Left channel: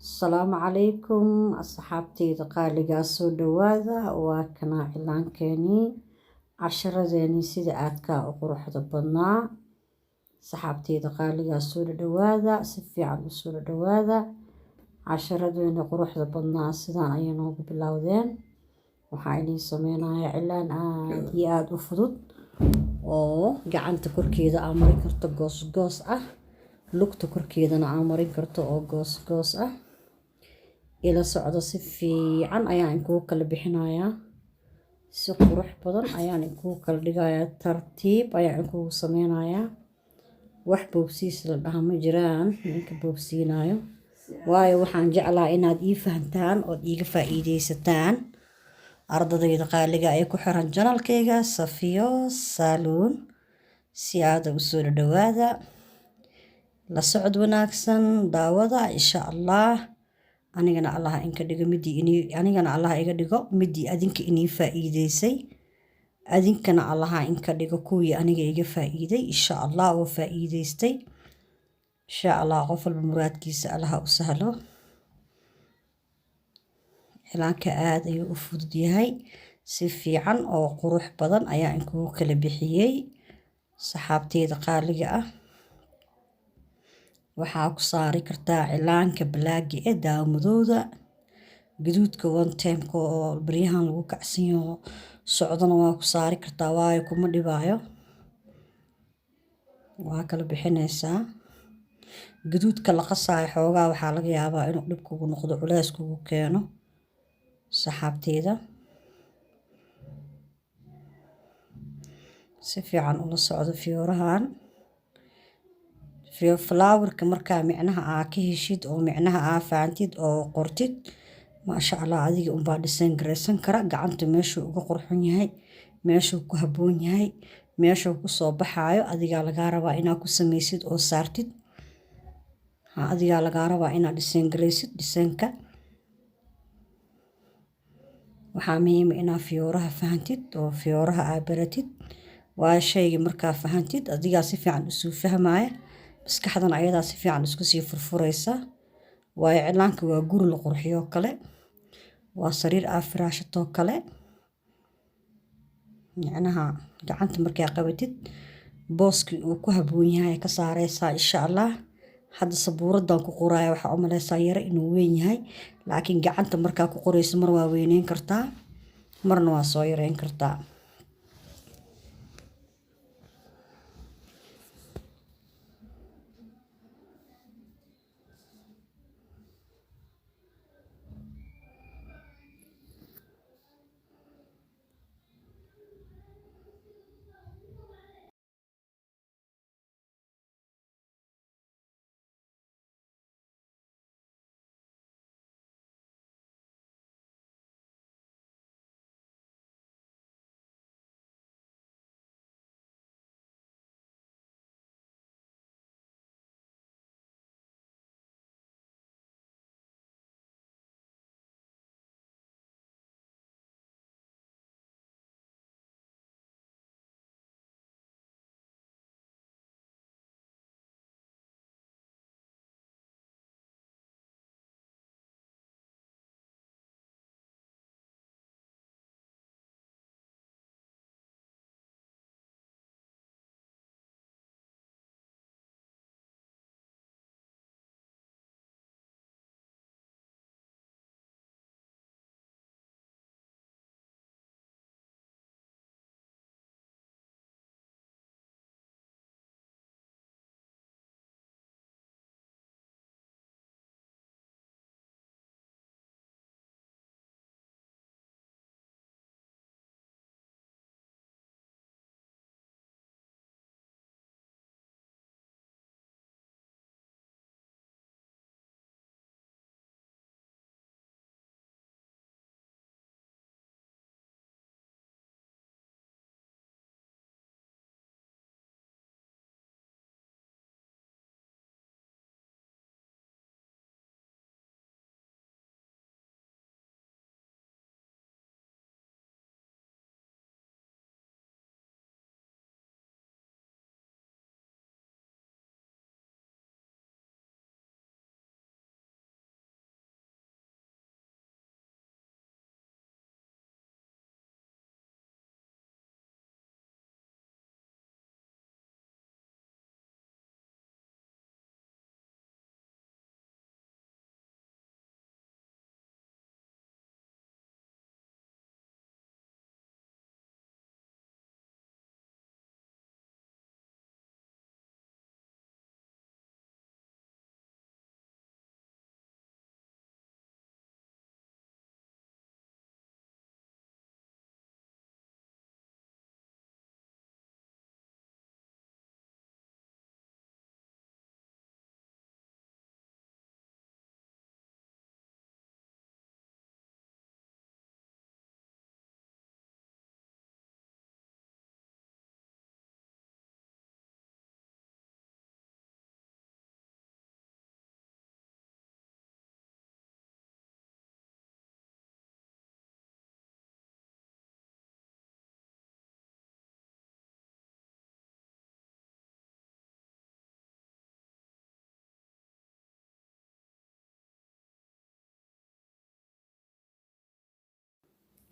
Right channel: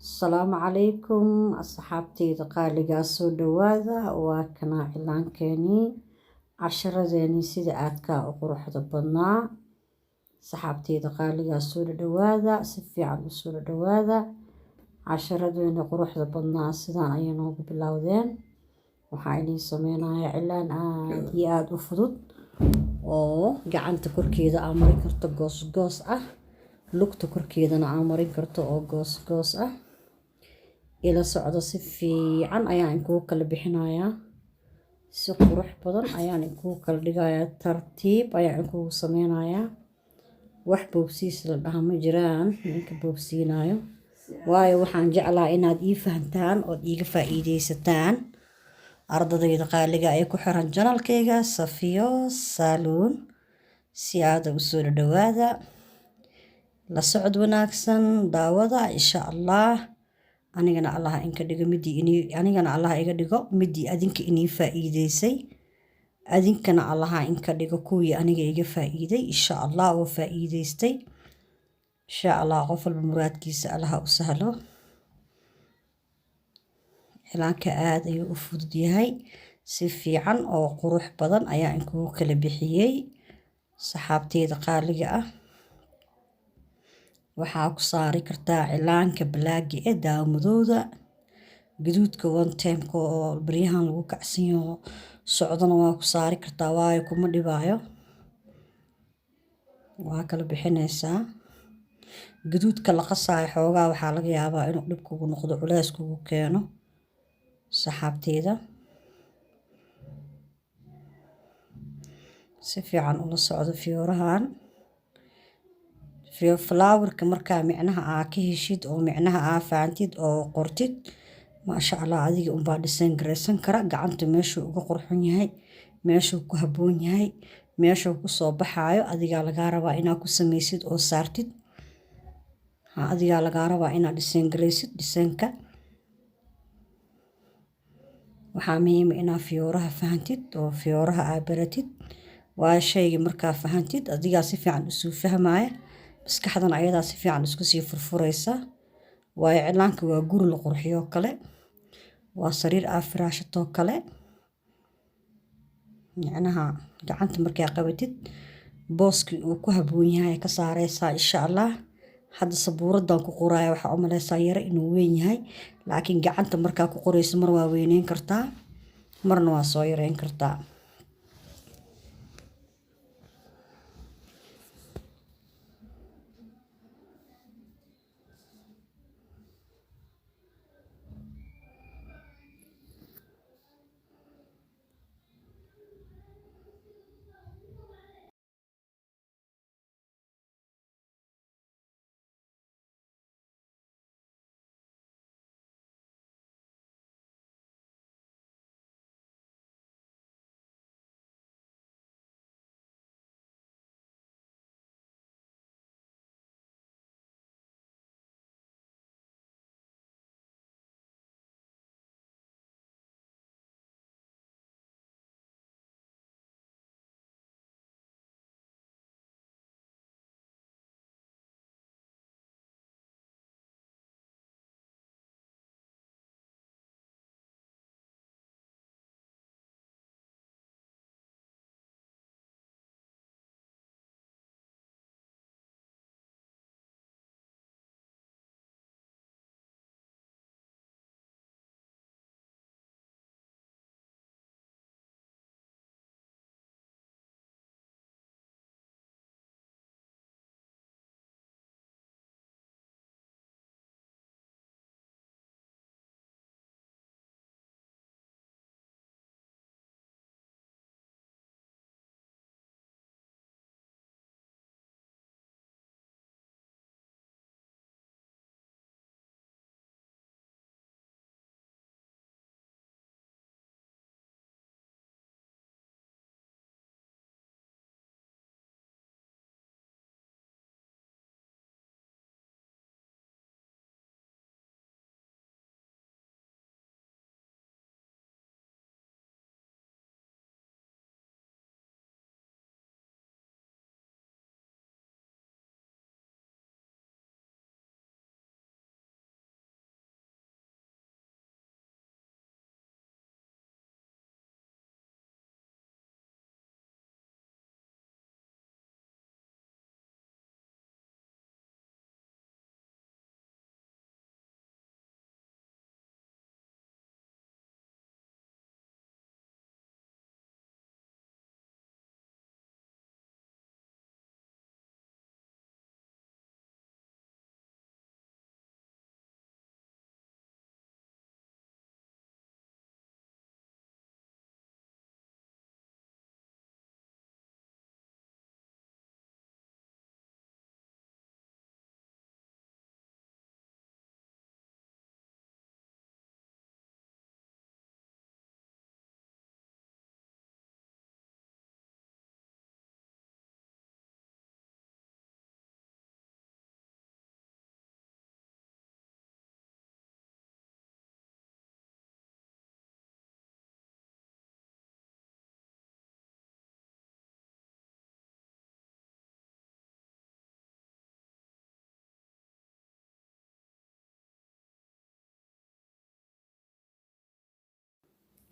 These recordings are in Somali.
السلام عليكم أصحابتي قالقا سو دواذا وكنا إعلان كاني عشرة زيني سيدة آدكا أقروح دبنا صحابتي قالقا سو دواذا سفي عن سو دواذا عشرة زيني قروح دبنا سيدان أيانو ببلاوذين وحايني سمينا إعلان آد وفضود وقعنت كوركيدا عمري كرتو قوس lugta korkeedana aan marin karto oo goos ah ila socdo si fiican ayaan inkuu kala bixinayaa si qurux badan ayaan inkuu kala dhigayaa tartiib ayaan inkuu sameynayaa wax boobsiis la dhaha ma jiraan ninka boobsiinayo waayo waxaan jeclaa inaad ii fahantaan oo iiga faa'iideysataan ardadayda qaaliga ay ku xiran janalkayga Safiyo Saloon si aad u soo dhawaada la socod wanaagsan daawada insha Allah anigana Allah inka dhigo iga dhigo midii adinka inii faa'iideysay adinkana Allah inka dhigo kuwii aniga iga faa'iiday insha Allah oo faa'iideystay insha Allah qof walba muraadkiisa Allah u sahlo ilaanka aad ayuu u fudud yahay si fiican oo qurux badan ayaa inkuu kala bixiyay saxaabteyda qaaliga ah waxaa ku saari kartaa cilaanka blaagi ee daawadooda gaduudka one time oo baryahan lagu kacsiyo socdana waa ku saari kartaa waayo kuma dhibaayo waa kala bixinaysaa gaduudka la qasaayo xoogaa waxaa laga yaabaa inuu dhib kugu noqdo culays kugu keeno saxaabteeda si fiican ula socdo fiyoorahan flowerka markaa micnaha aa ka heshid oo micnaha aa faantid oo qortid maasha Allah adiga unbaa dhisan gareysan kara gacanta meeshuu uga qurxun yahay meeshuu ku habboon yahay meeshuu ku soo baxaayo adigaa lagaa rabaa inaad ku samaysid oo saartid adigaa lagaa rabaa inaad dhisan gareysid dhisanka waxaa muhiim inaad fiyooraha fahantid oo fiyooraha aa baratid waayo shayga markaa fahantid adigaa si fiican usuu fahmaya maskaxdan ayadaa si fiican isku sii furfuraysa waayo cilaanka waa guri la qurxiyo kale waa sariir aa firaashatoo kale micnaha gacanta markaa qabatid booskii uu ku habboon yahay ka saaraysaa insha Allah hadda sabuuradan ku qoraayo waxaa u maleysaa yara inuu weyn yahay laakiin gacanta markaa ku qorayso mar waa weyneyn kartaa marna waa soo yareyn kartaa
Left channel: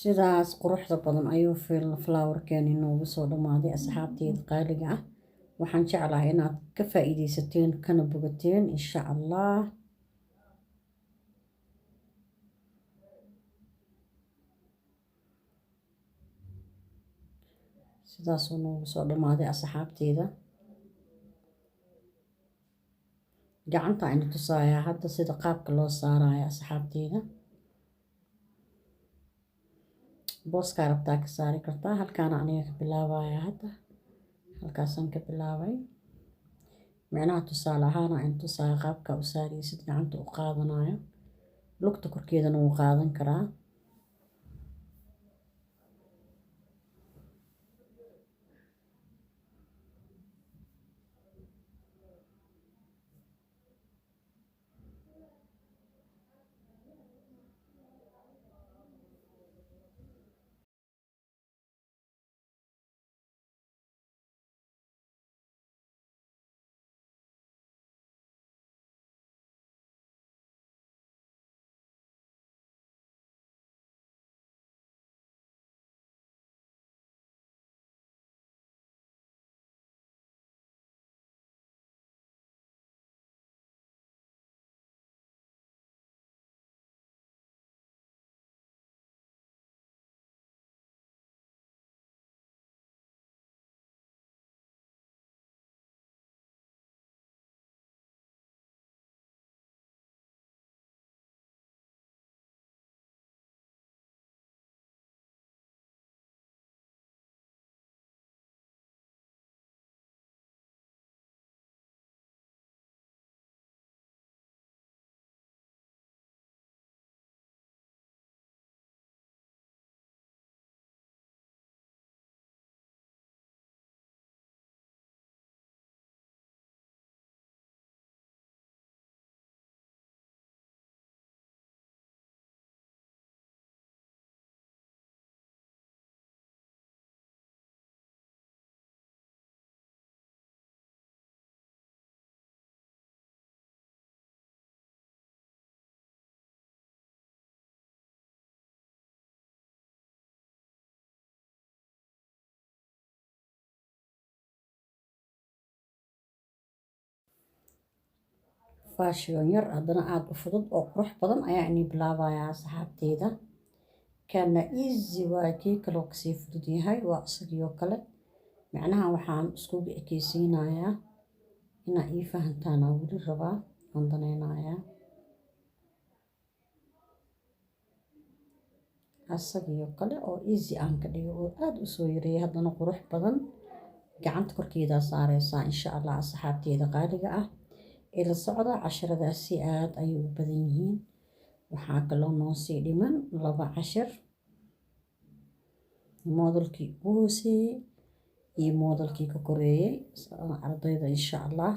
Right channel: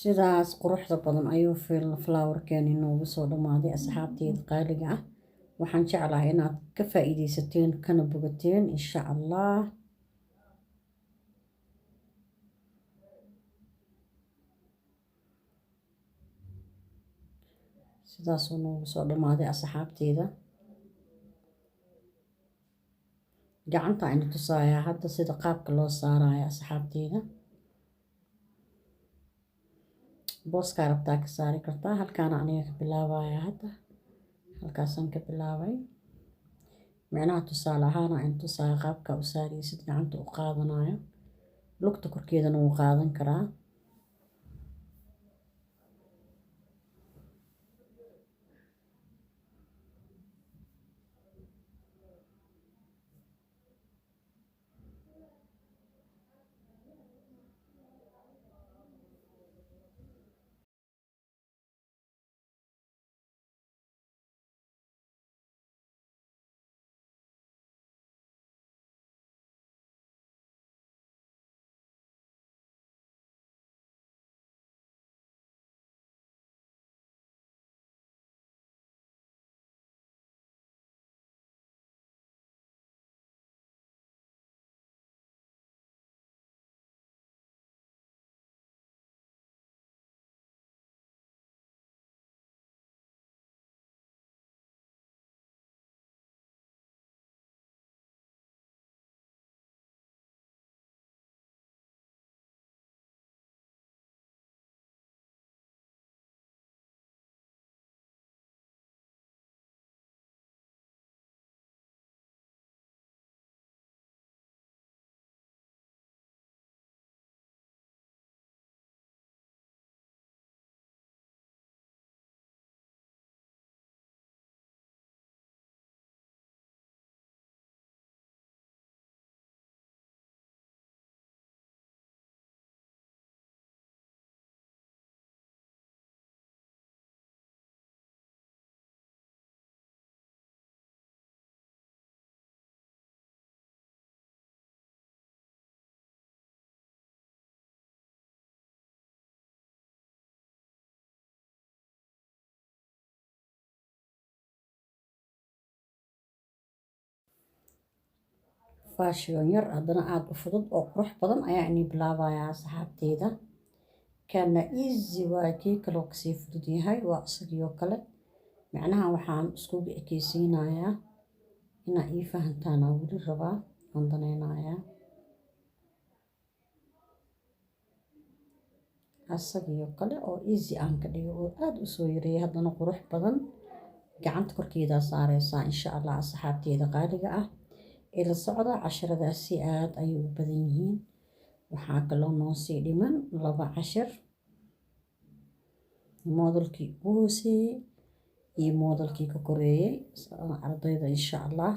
sidaas quruxda badan ayuu flowerkeeni noogu soo dhammaaday asxaabteeda qaaliga ah. waxaan jeclahay inaad ka faa'iidaysateen kana bogateen insha allah. sidaasuu noogu soo dhammaaday asxaabteeda. gacanta aynu tusayaa hadda sida qaabka loo saarayo asxaabteeda. booskaa rabtaa ka saari kartaa. halkaana aniga ka bilaabaya hadda. halkaasaan ka bilaabay. micnaha tusaale ahaan aynu tusaya qaabka u saaraysid gacanta u qaadanayo. lugta korkeedana wuu qaadan karaa. faashiyoon yar haddana aada u fudud oo qurux badan ayaa inii bilaabayaa asxaabteeda. kana easy waa kii kaloo kasii fudud yahay. waa isagii kale. macnaha waxaan iskugu ekeysiinayaa inaa ii fahantaan aan weli rabaa. aan danaynayaa asagii kale oo easy aan ka dhigo oo aada u soo yareeyay haddana qurux badan. gacanta korkeedaa saareysaa insha allah asxaabteeda qaaliga ah. ila socda casharadaasi aad ayay u badan yihiin. waxaa kaloo noo sii dhiman 2 cashar. moodalkii ugu hooseeyey iyo moodalkii ka koreeyey ardayda insha allah.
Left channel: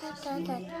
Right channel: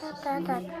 Soo fadhiiso.